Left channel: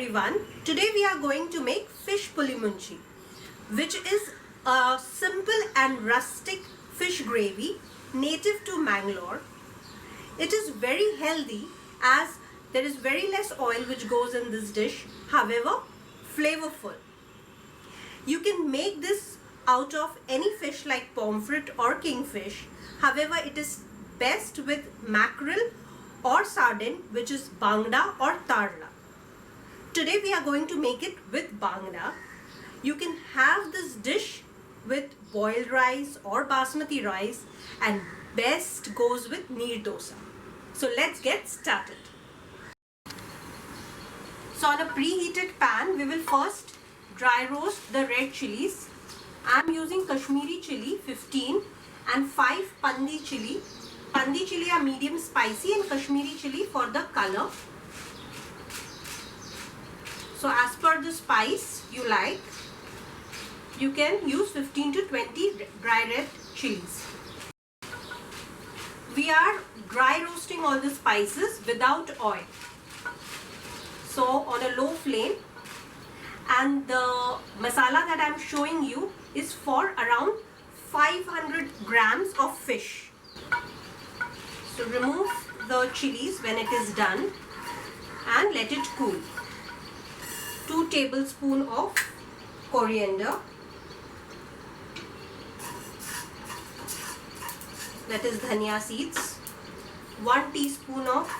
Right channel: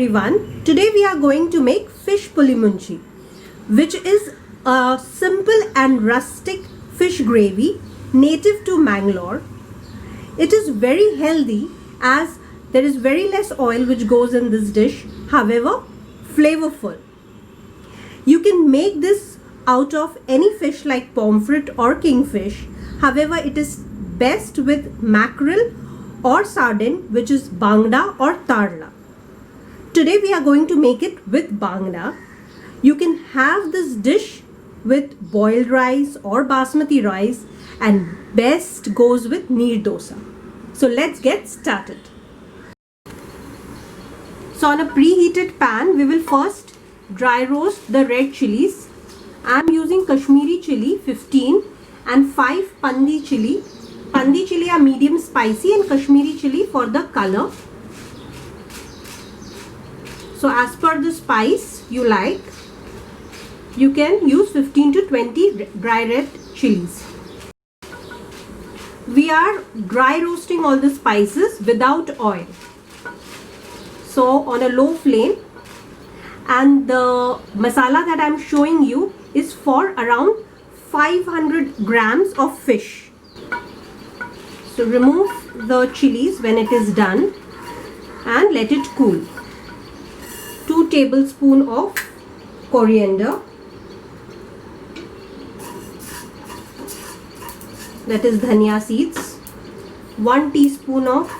everyone. Today we are going to make fish puli munchi, which is a simple and rustic fish gravy native to Mangalore. It is very healthy as there is very less oil which goes in this dish, however flavorful. You can make this out of any fish like pomfret or kingfish, however it is best with mackerel or sardine, which is bangda or tarla. Today we are going to make it with bangda. You can have this dish with boiled rice or basmati rice, and best goes with neer dosa. So let's get started. So on a preheated pan, we will first dry roast the red chilies. I am using Kashmiri chili 15 and 5 pandi chili. Pandi chili are medium spicy and Kashmiri chili for the color. So as per the spice you like, you can use 15 to 20 dry red chilies. We are dry roasting all the spices without oil. So on a low flame, and the masala that I am showing you is for around 500 grams of fish. So remove the chilies when it is done and let it cool. 2 tablespoons of coriander, that is dhania seeds, 1 teaspoon of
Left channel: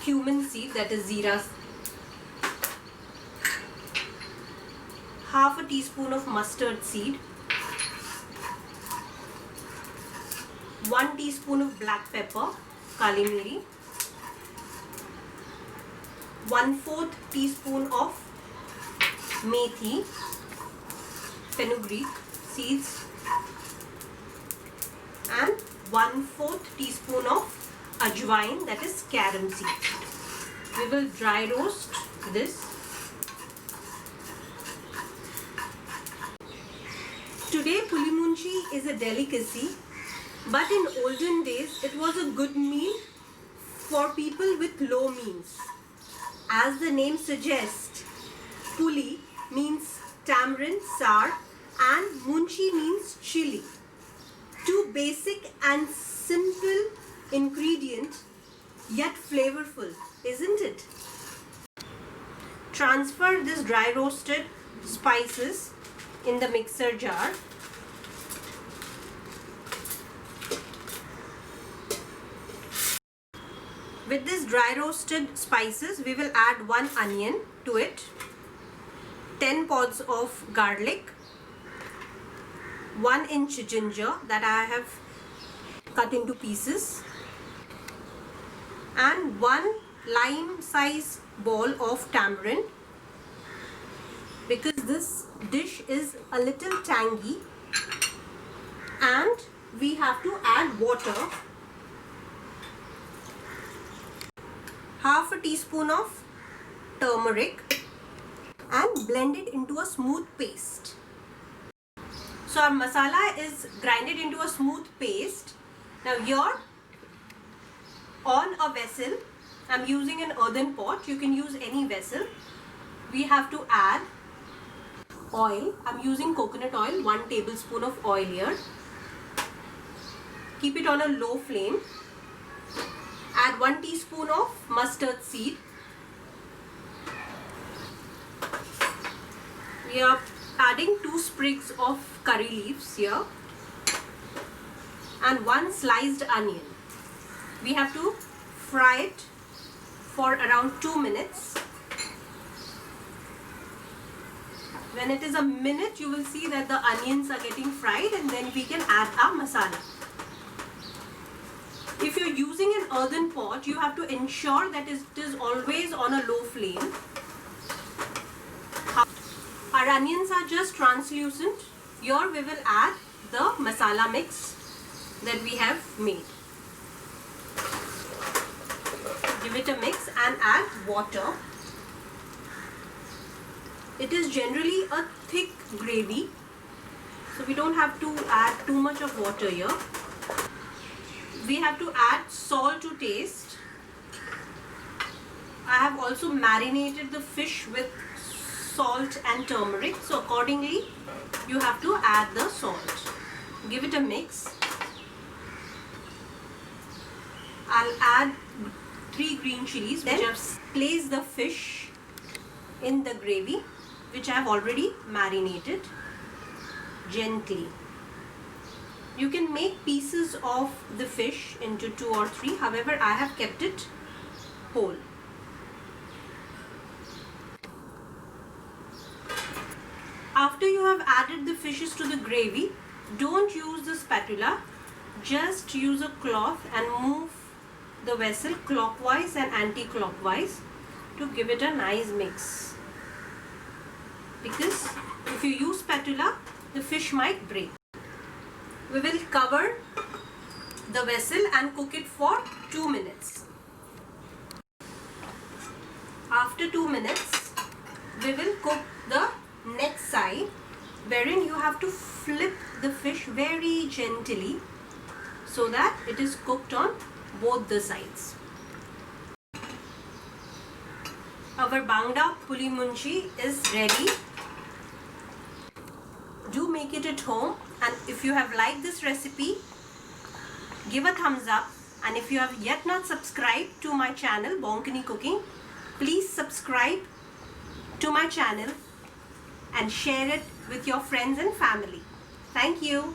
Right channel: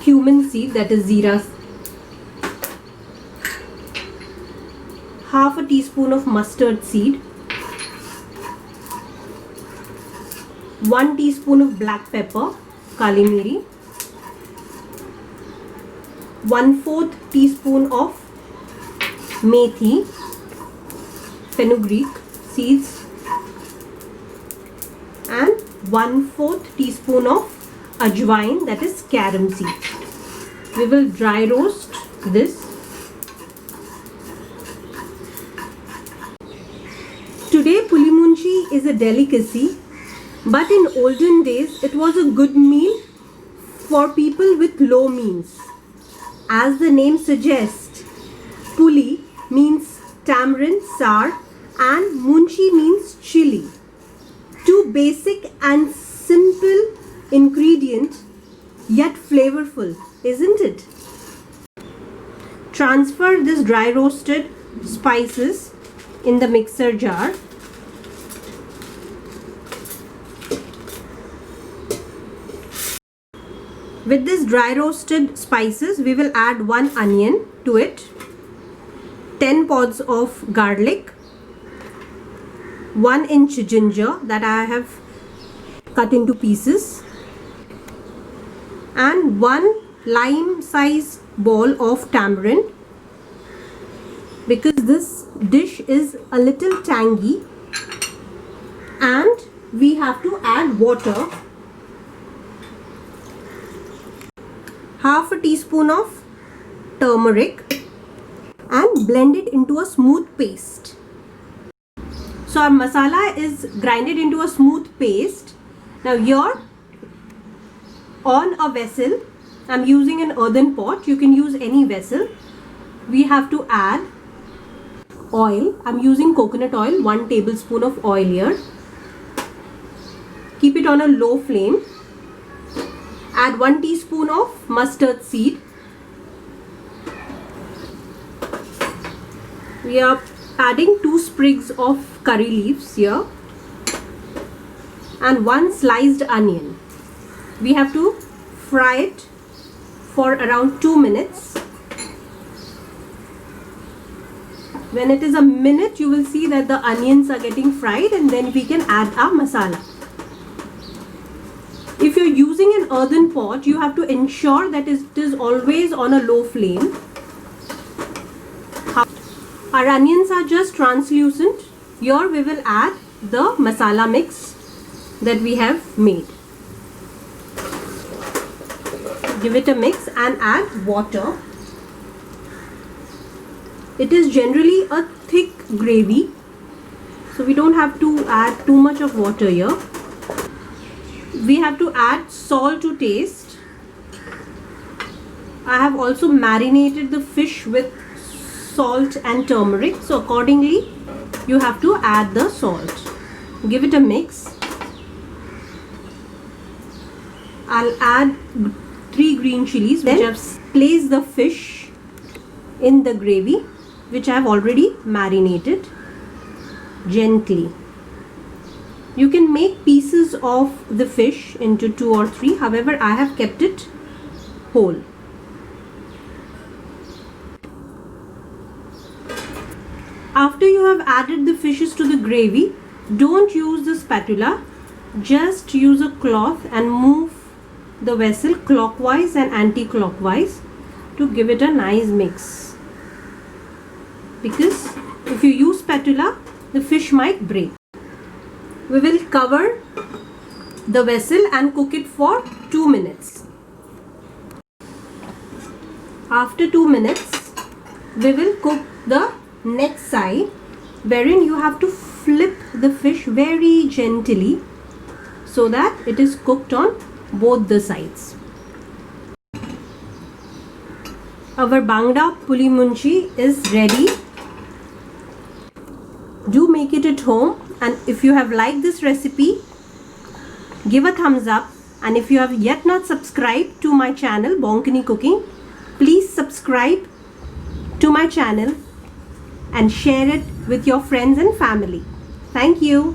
cumin seed, that is zeera, half a teaspoon of mustard seed, 1 teaspoon of black pepper, kali miri, 1/4 teaspoon of methi, fenugreek seeds, and 1/4 teaspoon of ajwain, that is carom seeds. We will dry roast this. Today puli munchi is a delicacy, but in olden days it was a good meal for people with low means. As the name suggests, puli means tamarind, sour, and munchi means chili. 2 basic and simple ingredients, yet flavorful, isn't it? Transfer this dry roasted spices in the mixer jar. With this dry roasted spices, we will add 1 onion to it, 10 pods of garlic, 1 inch ginger that I have cut into pieces, and 1 lime size ball of tamarind. Because this dish is a little tangy and we have to add water, half a teaspoon of turmeric, and blend it into a smooth paste. So our masala is grinded into a smooth paste. Now here on a vessel, I am using an earthen pot, you can use any vessel. We have to add oil. I am using coconut oil, 1 tablespoon of oil here. Keep it on a low flame. Add 1 teaspoon of mustard seed. We are adding 2 sprigs of curry leaves here and 1 sliced onion. We have to fry it for around 2 minutes. When it is a minute, you will see that the onions are getting fried, and then we can add our masala. If you're using an earthen pot, you have to ensure that it is always on a low flame. Our onions are just translucent. Here we will add the masala mix that we have made. Give it a mix and add water. It is generally a thick gravy, so we don't have to add too much of water here. We have to add salt to taste, I have also marinated the fish with salt and turmeric, so accordingly you have to add the salt. Give it a mix. I'll add 3 green chilies, which I've placed the fish in the gravy, which I have already marinated gently. You can make pieces of the fish into 2 or 3, however I have kept it whole. After you have added the fishes to the gravy, don't use the spatula, just use a cloth and move the vessel clockwise and anti-clockwise to give it a nice mix. Because if you use spatula, the fish might break. We will cover the vessel and cook it for 2 minutes. After 2 minutes, we will cook the next side, wherein you have to flip the fish very gently so that it is cooked on both the sides. Our Bangda Puli Munchi is ready. Do make it at home, and if you have liked this recipe, give a thumbs up, and if you have yet not subscribed to my channel Bonkini Cooking, please subscribe to my channel and share it with your friends and family. Thank you.